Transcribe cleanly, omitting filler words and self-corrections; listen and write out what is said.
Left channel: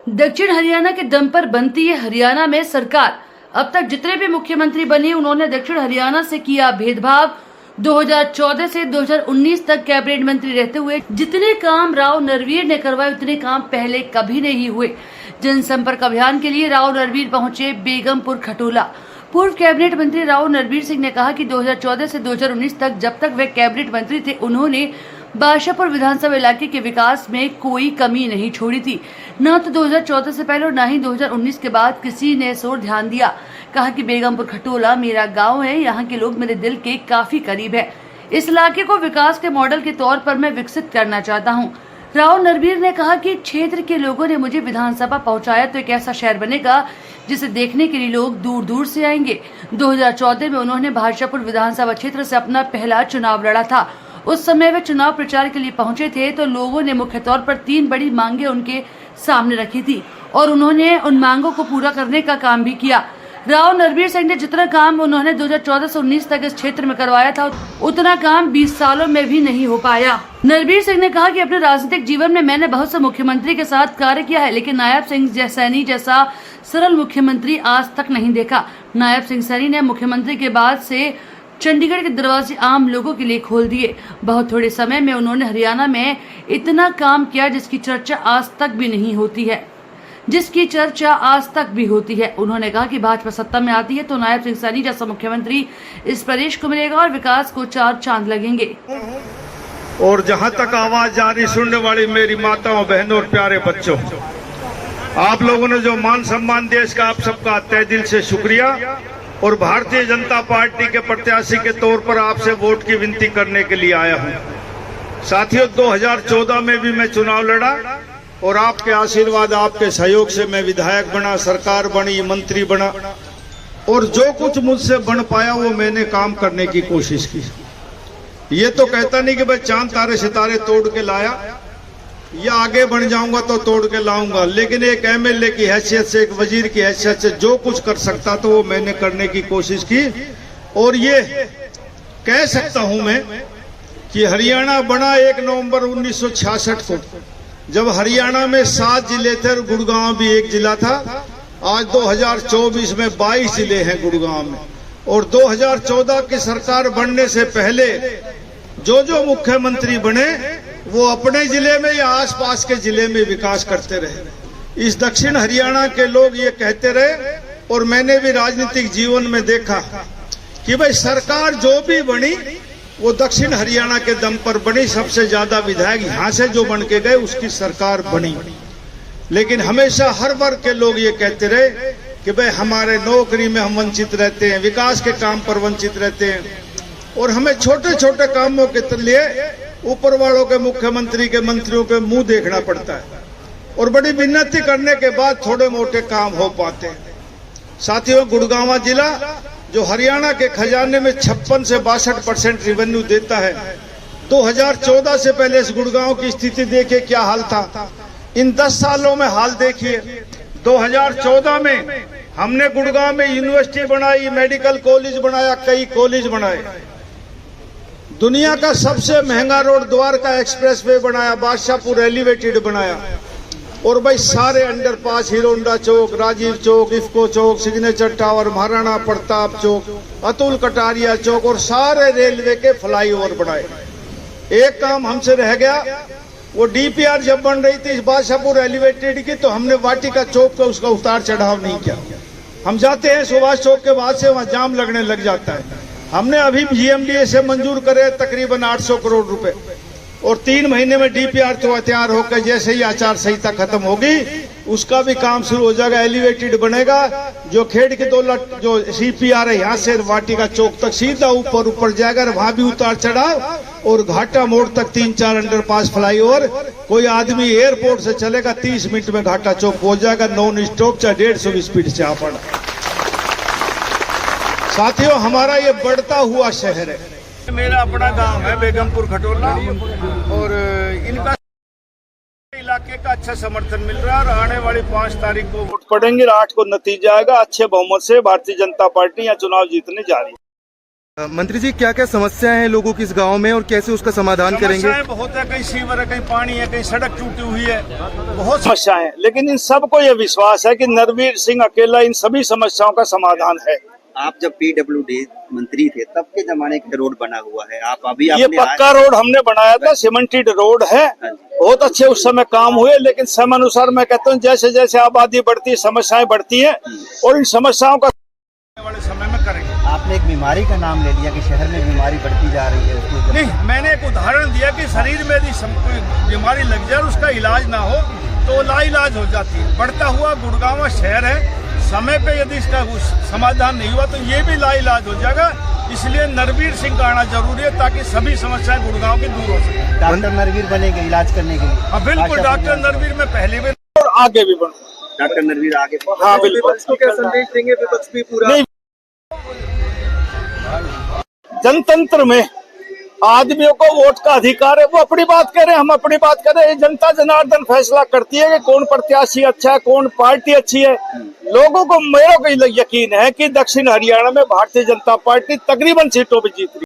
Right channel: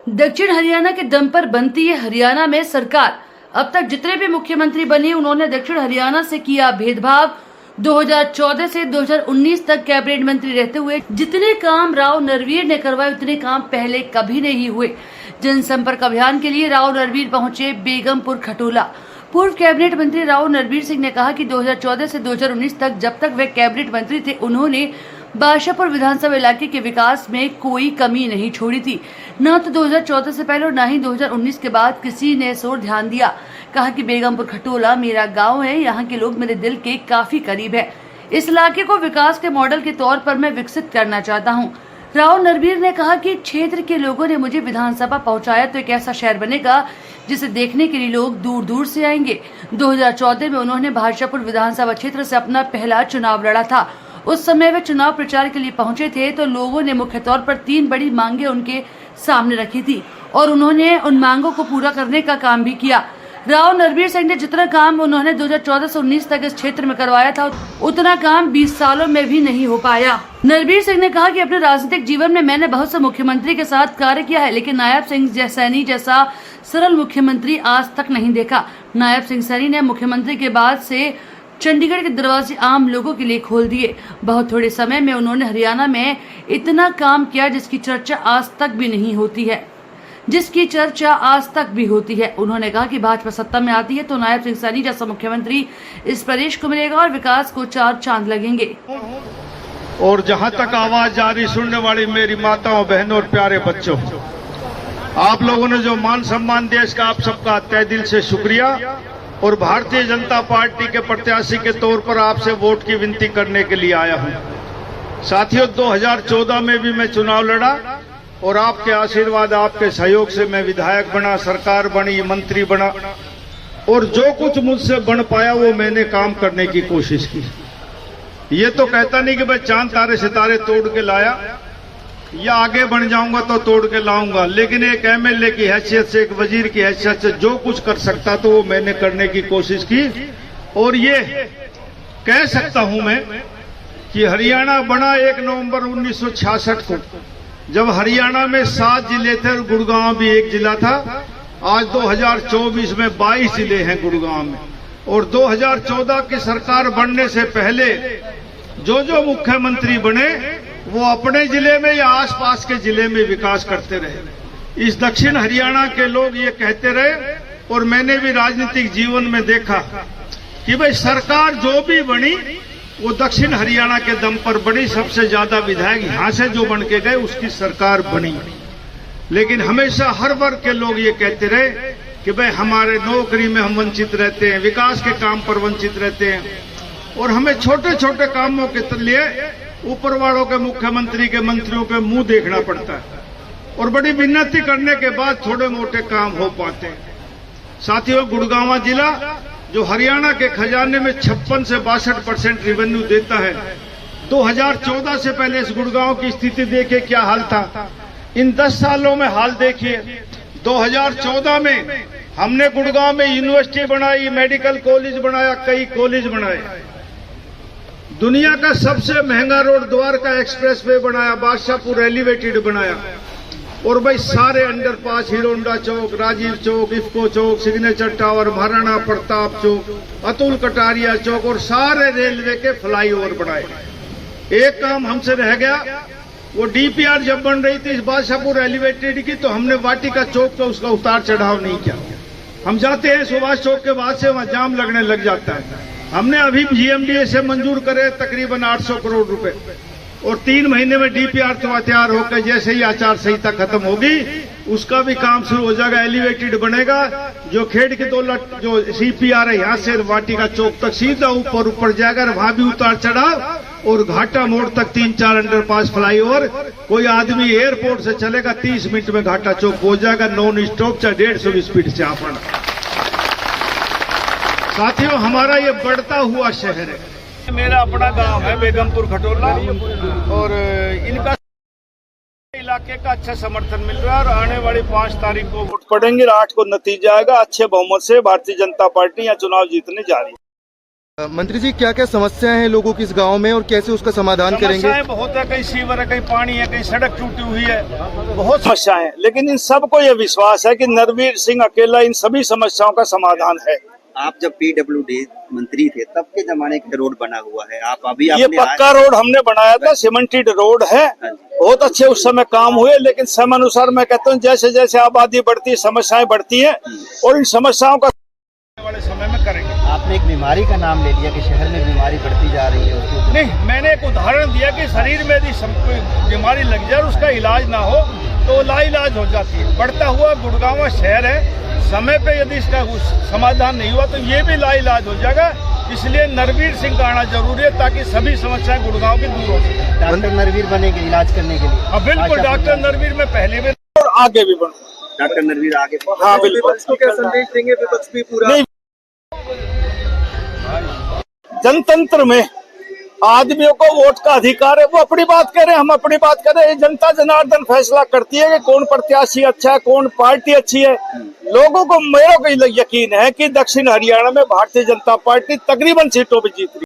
दक्षिण हरियाणा के दम पर बनती है हरियाणा में सरकार। अब तक जितने भी मुख्यमंत्री बने उन्होंने दक्षिण हरियाणा से किया भेदभाव। 2014 से 2019 तक कैबिनेट मंत्री रहते हुए जितने काम राव नरवीर ने करवाए उतने काम पहले कभी नहीं हुए। जनसंपर्क अभियान के लिए राव नरवीर पहुंचे बेगमपुर खटोला। पूर्व कैबिनेट मंत्री राव नरवीर सिंह ने कहा कि 2014 से 2019 तक जब तक वे कैबिनेट मंत्री थे उन्होंने बादशाहपुर विधानसभा इलाके के विकास में कोई कमी नहीं छोड़ी थी। न तो 2014 से पहले और न ही 2019 के बाद किसी ने इस ओर ध्यान दिया। कहा कि बेगमपुर खटोला मेरा गांव है, यहाँ के लोग मेरे दिल के काफी करीब है। इस इलाके को विकास के मॉडल के तौर पर मैं विकसित करना चाहता हूँ। राव नरवीर ने कहा कि क्षेत्र के लोगों ने मुझे विधानसभा पहुंचाया तो एक ऐसा शहर बनेगा जिसे देखने के लिए लोग दूर दूर से आएंगे। 2014 में उन्होंने बादशाहपुर विधानसभा क्षेत्र से अपना पहला चुनाव लड़ा था। उस समय वे चुनाव प्रचार के लिए पहुंचे थे तो लोगों ने मुख्य तौर पर 3 बड़ी मांगे उनके सामने रखी थी और उन्होंने उन मांगों को पूरा करने का काम भी किया। राव नरवीर सिंह ने जितना काम उन्होंने 2014 से 19 तक इस क्षेत्र में करवाया था उतना काम 20 सालों में भी नहीं हो पाया। नरवीर सिंह ने कहा कि अपने राजनीतिक जीवन में मैंने बहुत से मुख्यमंत्री के साथ कार्य किया है, लेकिन नायब सिंह सैनी जैसा सरल मुख्यमंत्री आज तक नहीं देखा। नायब सिंह सैनी ने मुख्यमंत्री के बाद से चंडीगढ़ के दरवाजे आम लोगों के लिए खोल दिए। बहुत थोड़े समय में उन्होंने हरियाणा में इतना काम किया जिसकी चर्चा आज तक भी होती है। उन्होंने कहा कि भाजपा सत्ता में आती है तो नायब सिंह सैनी जैसा मुख्यमंत्री इस प्रदेश को मिलेगा और विकास को 4 चांद लगेंगे। और जहां तक आवाज जारी सुनने वाली मेरी माताओं, बहनों और प्यारे बच्चों, आप लोगों ने जो मान सम्मान दिया इसका आप सबका तहे दिल से शुक्रिया। और भारतीय जनता पार्टी के प्रत्याशी के तौर पर आपसे वोट की विनती करने के लिए आया हूं। साथियों, 2014 में भी मैं चुनाव लड़ा और आपके आशीर्वाद, आपके सहयोग से मैं विधायक बना, सरकार बनी, मंत्री बना और जो कुछ मुझसे बन पाया वो मैंने काम करने की कोशिश की। ये तो कहता नहीं कि मैं चांद तारे सितारे तोड़ के लाया या आगे बढ़ जाऊंगा तो तोड़ के लाऊंगा, लेकिन एक एमएलए की हैसियत से, एक वजीर की हैसियत से जो कुछ कर सकता तो वो मैंने करने की कोशिश की। और ये कह सकता हूं मैं कि हरियाणा बना 1 नवंबर 1966 को, जब हरियाणा में 7 जिले थे और गुड़गांव भी एक जिला था। आज 2024 में 22 जिले हैं गुड़गांव में। और 2014 की सरकार बनने से पहले जो मुख्यमंत्री बने वो अपने जिले में या आसपास के जिले में विकास करते रहे। इस दक्षिण हरियाणा के लोग ये कहते रहे और मैंने भी राजनीतिक जीवन में देखा कि भाई सरकार जो भी बनी वो दक्षिण हरियाणा के दम पर बनी। सबसे ज्यादा विधायक यहाँ से जो बन के गए उसकी सरकार बनी। लेकिन हमेशा हर वर्ग के लोग ये कहते रहे कि भाई हमारे नौकरी में हम वंचित रहते हैं, विकास के काम पर वंचित रहते हैं और हमें छोटे छोटे कामों के लिए ऊपर वालों के, मुख्यमंत्री के, मंत्रियों के मुंह देखना पड़ता है और बड़ी विनती करने के बाद थोड़े मोटे काम हो पाते हैं। साथियों, गुड़गांव जिला जो हरियाणा के खजाने में 56 से 62% रेवेन्यू देता है, 2014 से पहले इस गुड़गांव की स्थिति देखिए क्या हाल था। इन 10 सालों में हाल देखिए। 2014 में हमने गुड़गांव में यूनिवर्सिटी बनाई, मेडिकल कॉलेज बनाया, कई कॉलेज बनाए। दुनिया का सबसे महंगा रोड द्वारका एक्सप्रेस वे बनाया, बादशाहपुर एलिवेटेड बनाया और भाई सारे अंडरपास, हीरो होंडा चौक, राजीव चौक, इफ्को चौक, सिग्नेचर टावर, महाराणा प्रताप चौक, अतुल कटारिया चौक और सारे रेलवे के फ्लाईओवर बनाए। एक काम हमसे रह गया, वो डीपीआर जब बन रही थी इस बादशाहपुर एलिवेटेड की तो हमने वाटिका चौक को उसका उतार चढ़ाव नहीं किया। हम जाते हैं सुभाष चौक के बाद से वहां जाम लगने लग जाता है। हमने अभी जीएमडीए से मंजूर करे तकरीबन 800 करोड़ रुपए और 3 महीने में डीपीआर तो तैयार होकर जैसे ही आचार संहिता खत्म होगी उसका भी काम शुरू हो जाएगा, एलिवेटेड बनेगा। जो खेड़ की दौलत जो सीपीआर है यहाँ से वाटिका चौक तक सीधा ऊपर जाएगा, वहां भी उतार चढ़ाव और घाटा मोड़ तक 3-4 अंडरपास फ्लाईओवर। कोई आदमी एयरपोर्ट से चलेगा 30 मिनट में घाटा चौक पहुंच जाएगा, नॉन स्टॉप, चाहे 150 स्पीड से आप। साथियों, हमारा ये बढ़ता हुआ शहर है। मेरा अपना गांव है बेगमपुर खटोला और इनका इलाके का अच्छा समर्थन मिल रहा है और आने वाली 5 तारीख को वोट पड़ेंगे, 8 को नतीजा आएगा। अच्छे बहुमत से भारतीय जनता पार्टी यहाँ चुनाव जीतने जा रही है। मंत्री जी, क्या क्या समस्याएं हैं लोगों की इस गांव में और कैसे उसका समाधान करेंगे? समस्याएं बहुत है, कहीं सीवर है, कहीं पानी है, कहीं सड़क टूटी हुई है, बहुत समस्याएं हैं। लेकिन इन सबको ये विश्वास है कि नरवीर सिंह अकेला इन सभी समस्याओं का समाधान है। आप जब पीडब्ल्यूडी मंत्री थे तब के जमाने का रोड बना हुआ है, आप अभी ये पक्का रोड हमने बनाया था, सीमेंटेड रोड है, बहुत अच्छे उस समय काम हुए। लेकिन समय अनुसार मैं कहता हूँ जैसे जैसे आबादी बढ़ती है, समस्याएं बढ़ती हैं और इन समस्याओं का वाले समय में करेंगे। आपने एक बीमारी का नाम ले लिया कि शहर में बीमारी बढ़ती जा रही है। नहीं, मैंने एक उदाहरण दिया कि शरीर में यदि कोई बीमारी लग जाए और उसका इलाज ना हो तो लाइलाज हो जाती है। बढ़ता हुआ गुड़गांव शहर है, समय पे यदि इसका समाधान नहीं हुआ तो ये भी लाइलाज हो जाएगा। इसलिए नरवीर सिंह का आना जरूरी है ताकि सभी समस्याएं गुड़गांव की दूर हो सके। डॉक्टर नरवीर बनेंगे इलाज करने के लिए? हाँ बिल्कुल, डॉक्टर नरवीर में पहले भी और आगे भी बनूं। डॉक्टर नरवीर आगे? हाँ बिल्कुल। विपक्ष को क्या संदेश देंगे? विपक्ष भी पूरा नहीं, जनतंत्र में आदमियों को वोट का अधिकार है, वो अपनी बात करें, हम अपनी बात करें। ये जनता जनार्दन फैसला करती है कि कौन प्रत्याशी अच्छा है, कौन पार्टी अच्छी है। लोगों को मेरा को यकीन है कि दक्षिण हरियाणा में भारतीय जनता पार्टी तकरीबन सीटों पर जीत रही है।